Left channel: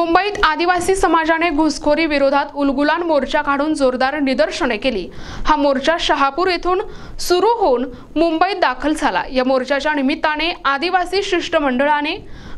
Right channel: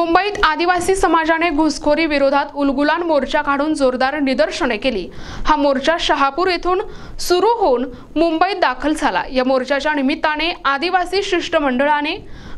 मुंबईत आदिवासी समाजाने घुसखोरी विरोधात उलगुलान मोर्चा काढून जोरदार निदर्शने केली। हा मोर्चा शहापूर येथून सुरू होऊन मुंबईत दाखल झाला। या मोर्चाच्या निमित्ताने आदिवासी शिष्टमंडळाने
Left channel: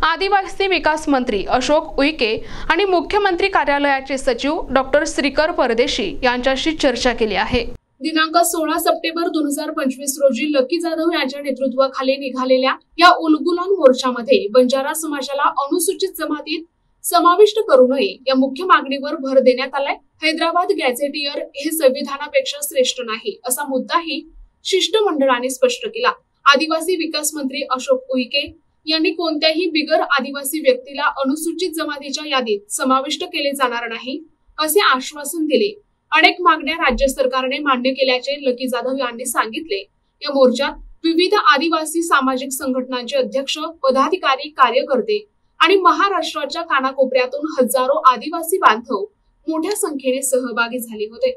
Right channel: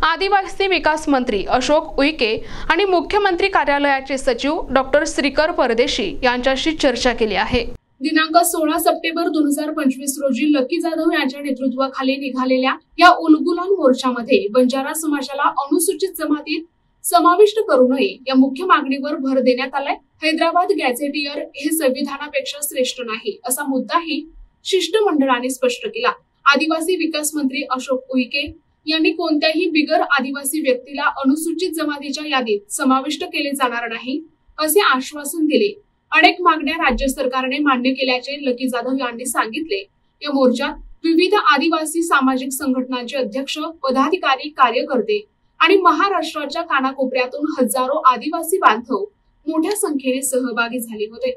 आदिवासी विकास मंत्री अशोक उईके आणि मुख्यमंत्री कार्यालयाचे सचिव डॉक्टर श्रीकर परदेशी यांच्याशी चर्चा केली आहे। दिनांक 16 सप्टेंबर 2025 रोजी लकी जाधव यांच्या नेतृत्वाखाली निघालेल्या या उलगुलान मोर्चामध्ये बंजारा समाजाला अनुसूचित जमातीत समाविष्ट करू नये या मुख्य मागणीवर भर देण्यात आलाय। हैदराबाद गॅझेटियर हे संविधानापेक्षा श्रेष्ठ नाही असा मुद्दाही शिष्टमंडळाने स्पष्ट केला। आदिवासी विकास मंत्री अशोक उईके यांनी कोणत्याही बिगर आदिवासी व्यक्तीला अनुसूचित जमातीच्या यादीत समाविष्ट केले जाणार नाही असे आश्वासन दिले। अनेक मागण्या राज्य सरकारने मान्य केल्याचे लकी जाधव यांनी सांगितले। या मोर्चात विविध आदिवासी सामाजिक संघटनांचे अध्यक्ष, पदाधिकारी, कार्यकर्ते आणि महाराष्ट्राच्या कानाकोपऱ्यातून हजारो आदिवासी बांधव मोठ्या संख्येने सहभागी झाले होते।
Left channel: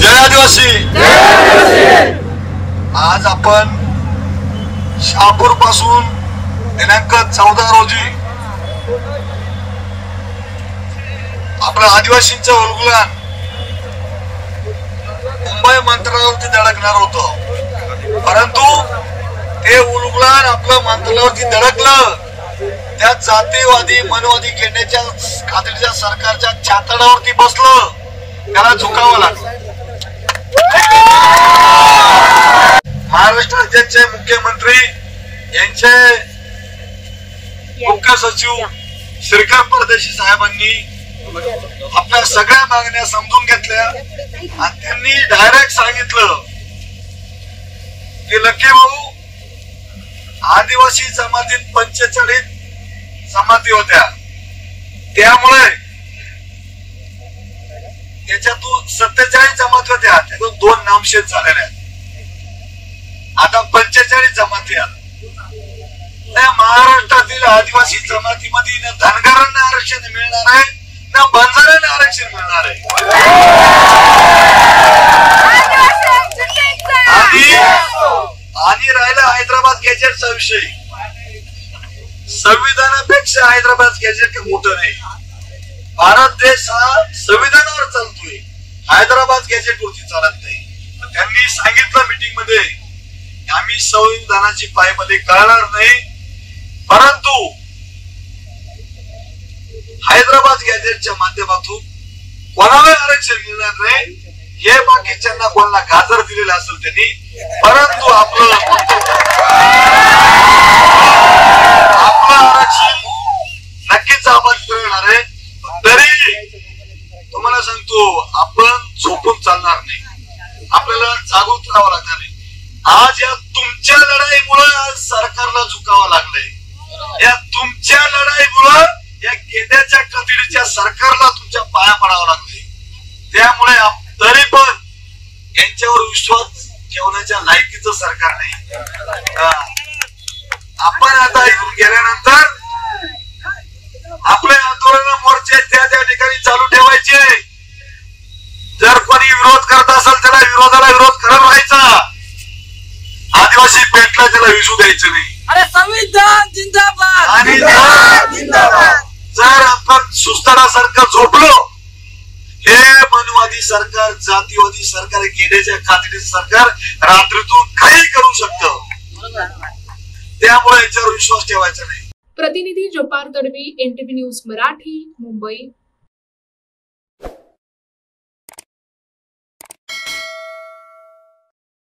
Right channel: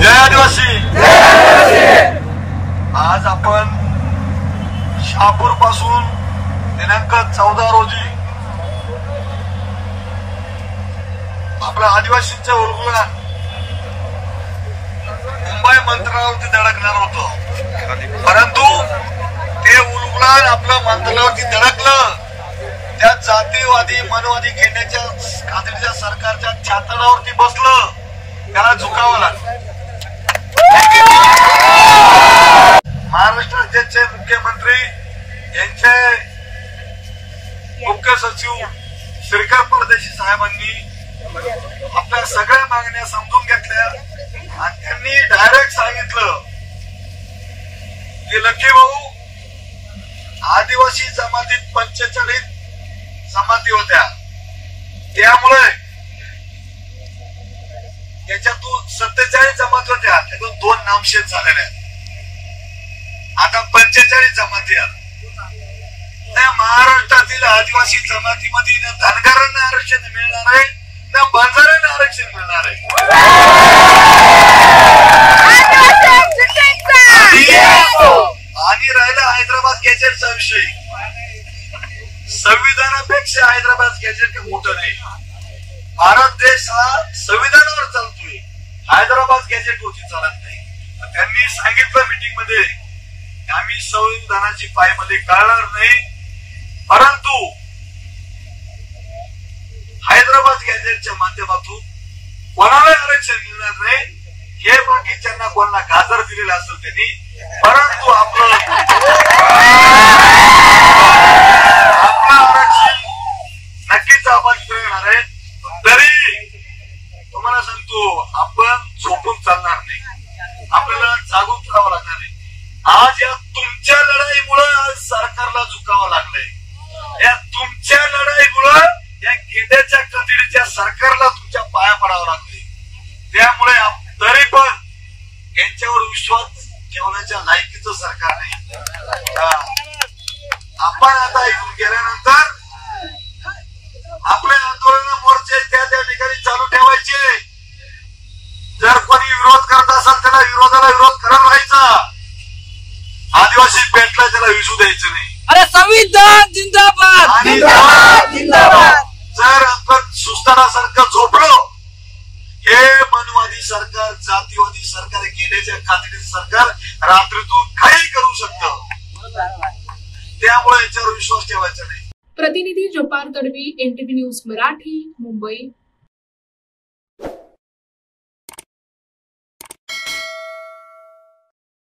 जय आदिवासी। आज आपण शहापूर पासून दिनांक 14 रोजी आपल्या आदिवासींच्या उलगुलान मुंबई मंत्रालयावरती धडकणार होतं, परंतु ते उलगुलान आपल्या मंत्रालयावरती धडकलं। त्या जातीवादी मनवादी केंद्राच्या खात्रीच्या सरकारच्या छातडावरती बसलं, त्याला झुकावं लागलं। महाराष्ट्र राज्याचे मुख्यमंत्री यांचे मुख्य सचिव श्रीकर परदेशी साहेबांनी आपल्या सगळ्या मागण्या समजून घेतल्या आणि त्यांनी डायरेक्ट सांगितलं की लकी भाऊ, आदिवासी जमातीत 45 जमाती होत्या, त्यामुळे त्याच्यातून 47 जमाती होत्या, त्यातून 2 नामशेष झालेल्या, आता 45 जमाती आहेत। त्या महाराष्ट्रातील आदिवासी जमातीमध्ये न धनगरांना आरक्षण मिळणार आहे, न बंजाऱ्यांना आरक्षण मिळणार आहे। आणि राहिला हैदराबाद गॅजेटचा विषय, संविधानापेक्षा हैदराबाद गॅजेट मोठं नाही। भारत देश हा संविधानावर चालतोय, हैदराबाद गॅजेट वरती चालत नाही। त्यांनी सांगितलं मीटिंग मध्ये, आम्ही संविधानाची पायमल्ली करणार नाही, परंतु हैदराबाद गॅजेटच्या माध्यमातून कोणाला आरक्षण मिळणार नाही। हे बाकीच्यांना कोणाला गाजर दिलेलं असेल त्यांनी, परंतु आपलं आरक्षण नक्कीच आपण मिळणार आहे। तरी तुम्हाला सांगतो, आपण झोपून चालणार नाही, आपल्याला जागृत राहावं लागणार आहे। आज या तुमच्या लढाईमुळे सरकारला झुकावं लागलंय, या तुमच्या लढाईमुळे या गेंड्याच्या कथिरीच्या सरकारला तुमच्या पाया पडावं लागले। त्यामुळे तरी पण यांच्यावर विश्वास ठेवण्याच्या लायकीचं सरकार नाही। आपण आता इथून गेल्यानंतर आपले आंदोलन मोर्चे त्या ठिकाणी चालू ठेवायचे। जर कोणी विरोध करत असेल त्याला विरोधाला विरोध करत राहायचा, आदिवासी पेटला त्याला विसू द्यायचं नाही। अरे संविधान जिंदाबाद, आणि जर आपण सुस्तारासारखं झोपलो, हे मनवादी सरकार, जातीवादी सरकार, गेड्याच्या खात्रीचं सरकार रात्रीतून काही करू शकतं, त्यामुळे याच्यावर विश्वास ठेवायचा नाही। प्रतिनिधी जपार तडवी, NTV न्यूज मराठी, मुंबई।